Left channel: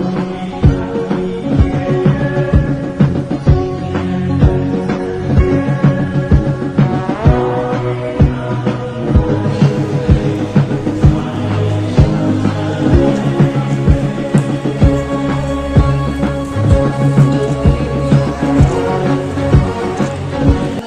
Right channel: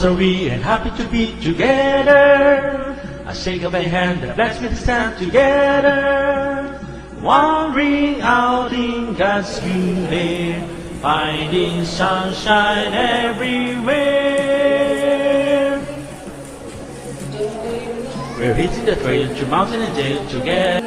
Cause we are happy to be together. I shake up a hand and let's get stand together. One green, Wondering how Lincoln's feeling, finding sunshine everywhere. We're eating the train to Mountain Day together.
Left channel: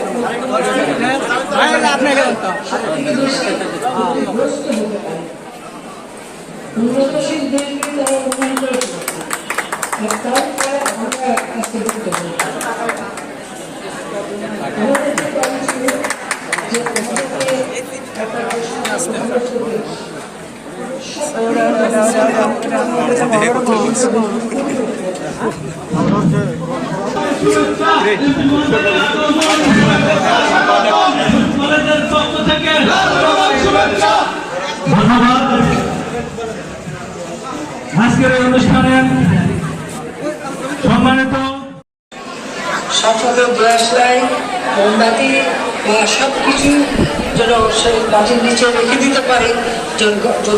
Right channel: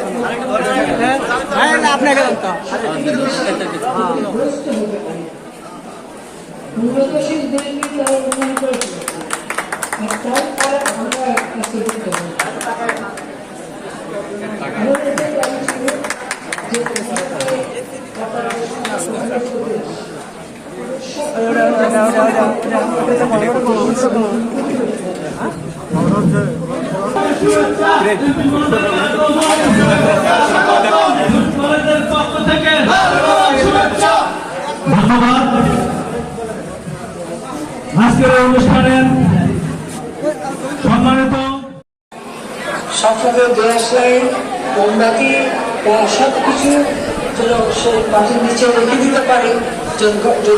যে ধন্যবাদ। আজকের অনুষ্ঠানে সম্মানিত সফলে glass line মোমবাতি বা সব যেন সে মাটির নিচে রেখে দিতে পারে, যদি